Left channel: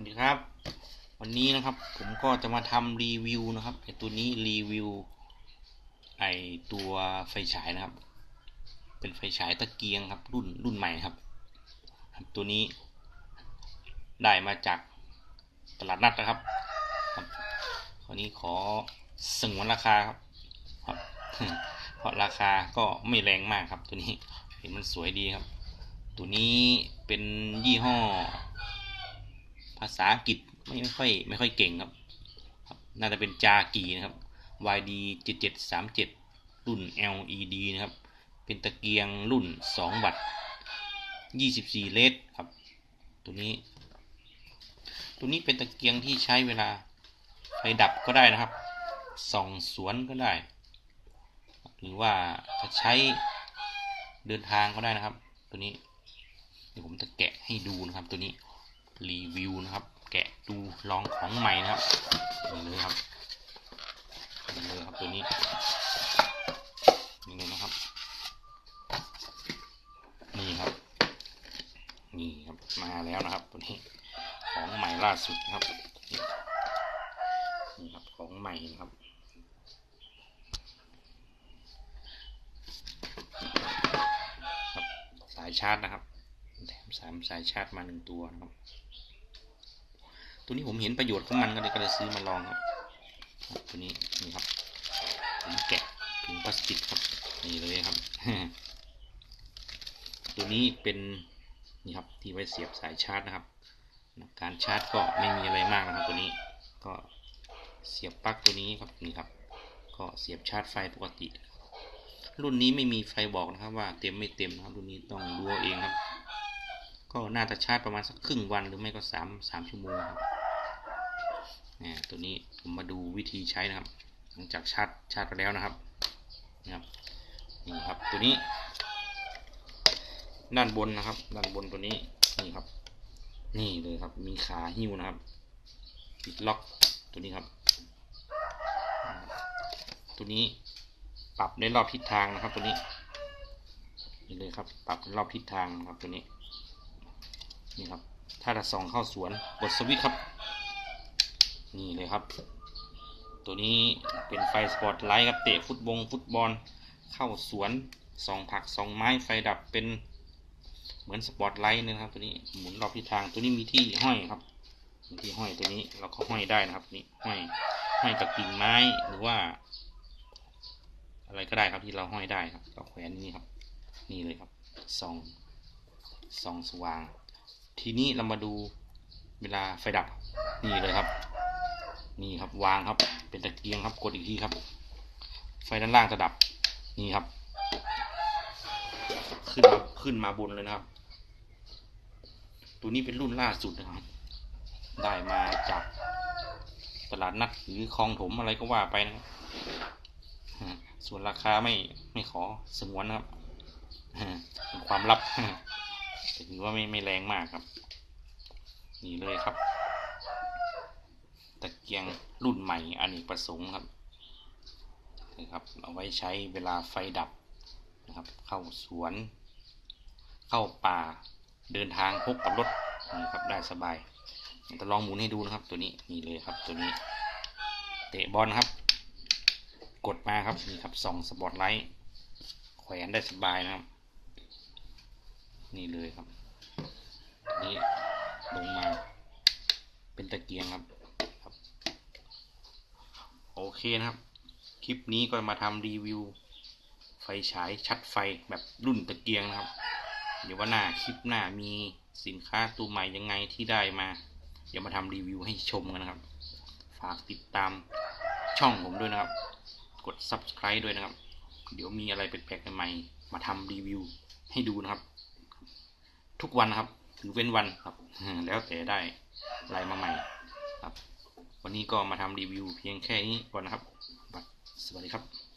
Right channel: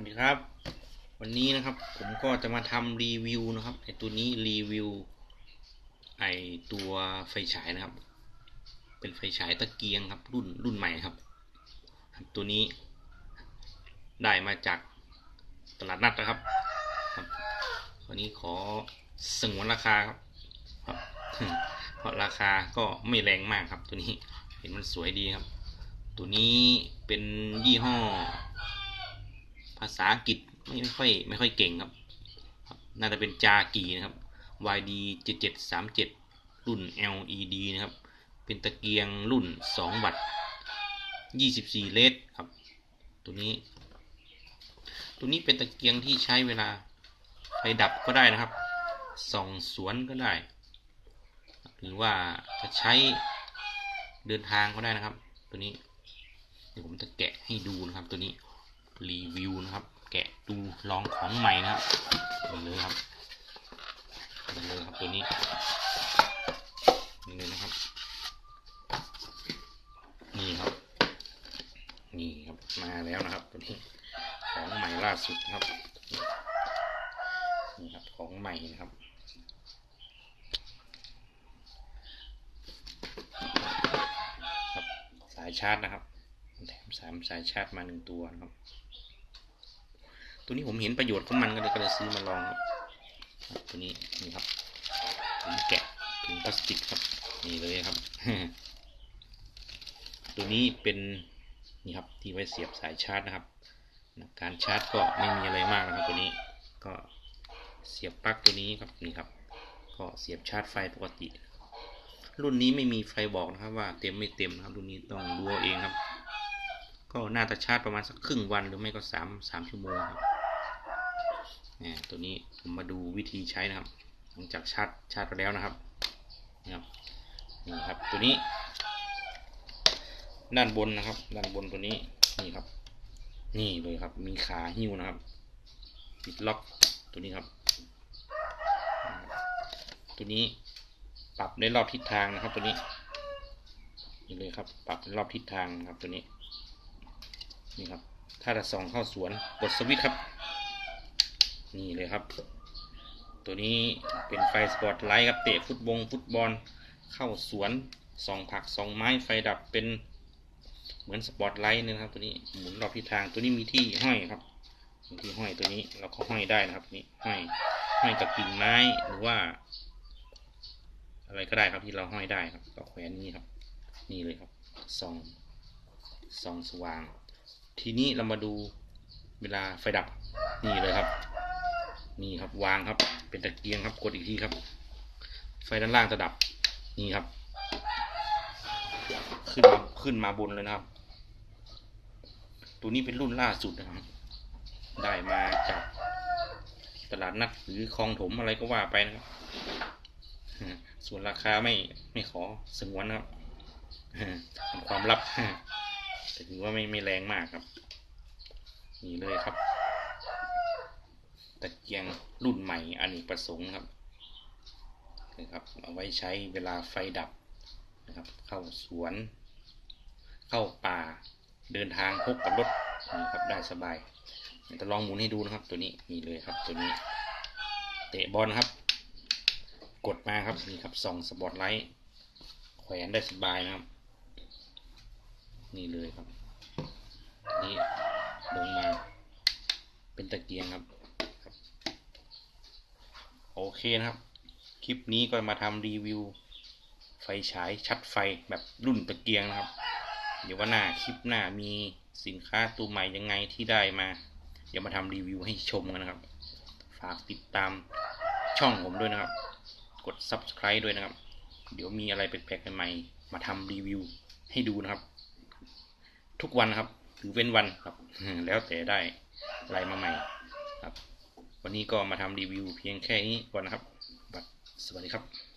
วัสดีครับ วันนี้นะครับผมก็จะมาทำรีวิวนะครับไอตัวนี้รีวิวไอตัวไฟฉายนะครับ เป็นไฟฉายตะเกียงครับรุ่นรุ่นใหม่ครับ ครับตัวนี้ได้มาจากตลาดนัดนะครับครับคราวนี้ขอสงวนราคาครับครับ เพราะราคาก็ไม่แรงมากครับตัวนี้เห็นมันสวยดีครับ ตัวนี้เป็นยี่ห้อ ภาษาอังกฤษไม่ไม่ค่อยไม่ค่อยเก่งครับครับ น่าจะเป็นจากีนะครับ YD 7737 รุ่น LED นะครับ เป็นตะเกียงรุ่น 2 วัตต์24 เลสครับ ตัวนี้ ตัวนี้เป็นตะเกียงที่ใช้เวลาไฟดับก็ได้นะครับส่องสวนก็ได้ หรือว่าจะใช้เดินทางก็ได้นะครับ ตัวนี้ เดี๋ยวผมจะแกะให้ดูนะครับตัวนี้ รีวิวนะครับ แกะดูลองของใหม่นะครับเลยครับเลยครับตัวนี้นี่เลยนะครับ นี่ครับ นี่ครับมาแล้วนะครับตัวนี้ของใหม่ล่าสุดครับ นี่ครับของใหม่นะครับครับสายชาร์จนะครับ แถมสามสายชาร์จมาหนึ่งตัวนะครับ ตัวนี้ผมเห็นประโยชน์ของมันก็เลยก็เลยซื้อมาลองครับ ตัวนี้นี่ครับผมแกะถุงพลาสติกครับนี่เลยครับ ตัวนี้เป็นนี่ครับที่ไว้เสียบสายชาร์จนะครับ การชาร์จก็ไม่มีอะไรมากนะครับ ตัวนี้ก็เสียบปลั๊กตัวนี้ครับนี่ครับ ก็เสียบชาร์จไฟปกติ รุ่นนี้ไม่มีไฟบอกนะครับว่าเต็มไม่เต็มนะครับ รุ่นนี้ต้องดูเอาเองครับ ก็น่าจะชาร์จประมาณสักครึ่งวันหรือไม่ก็สามสามชั่วโมงครับ เนี่ยตัวนี้ผมมาดูวิธีใช้นะครับ หลังจากชาร์จชาร์จไปแล้วนะครับนะครับนี่ครับตัวนี้ ด้านบนนะครับ ด้านบนตัวนี้นี่ครับ นี่เลยครับ มีขาหิ้วนะครับ ปิดล็อกตัวนี้ครับ ตัวนี้ปรับในรอบทิศทางนะครับ ตัวนี้นี่เลยครับ ปรับในรอบทิศทางครับตัวนี้ นี่ครับ ถ้าจะส่องเข้าสวนกดสวิตช์ครับ นี่เลยครับ ตัวนี้เป็นไฟสปอตไลท์ครับเตะฟุตบงฟุตบอลเข้าสวนส่องผักส่องไม้ไฟดับเป็นเหมือนสปอตไลท์นะครับ ตัวนี้หมุนรอบทิศทางตัวนี้มีที่ห้อยครับมีที่ห้อยตัวนี้เราก็ห้อยได้นะครับนี่ห้อยห้อยกับกิ่งไม้หรือว่า อะไรก็ได้ครับที่เราห้อยได้ครับก็แขวนนี่ครับ นี่เลยครับส่องส่องสว่าง ทีนี้เรามาดูเวลาไฟดับนี่เลยครับ นี่ครับวางครับ เป็นตะเกียงครับกดอีกทีครับ ไฟด้านล่างจะดับนี่ครับ ขึ้นมาขึ้นมาบนเลยนะครับ ตัวนี้เป็นรุ่นล่าสุดนะครับ ได้มาจากตลาดนัดหรือคลองถมอะไรก็ว่าไปนะครับส่วนราคาไม่ไม่ขอสงวนนะครับเป็นความลับแต่ถือว่าไม่ไม่แรงมากครับ นี่เลยครับ ตะเกียงรุ่นใหม่อเนกประสงค์ครับนะครับเอาไว้ใช้เวลาไฟดับนะครับ เข้าสวน เข้าป่าเดินทางพกกับรถนะครับได้สบายจะลองหมุนให้ดูนะครับ ตัวนี้นี่เลยครับตัวนี้ เตะบอลครับ กดมาครับนี่ครับส่องสปอตไลท์แขวนได้สบายนะครับ นี่เลยครับนี่ลงมาเป็นตะเกียงครับ เคนะครับ คลิปนี้ก็มาทำรีวิว ไฟฉายชัดไฟแบบรุ่นตะเกียงนะครับ เดี๋ยวว่าหน้าคลิปหน้ามีสินค้าตัวใหม่ยังไงที่ได้มา เดี๋ยวมาทำรีวิวให้ชมกันนะครับ ฝากติดตามช่องผมด้วยนะครับ กด subscribe ด้วยนะครับ เดี๋ยวมีอะไรแปลกๆใหม่มาทำรีวิวให้ดูนะครับ ทุกวันนะครับหรือเว้นวันครับ แล้วแต่ได้อะไรมาใหม่ วันนี้ก็มาทำรีวิวเพียงแค่นี้ก่อนนะครับสวัสดีครับ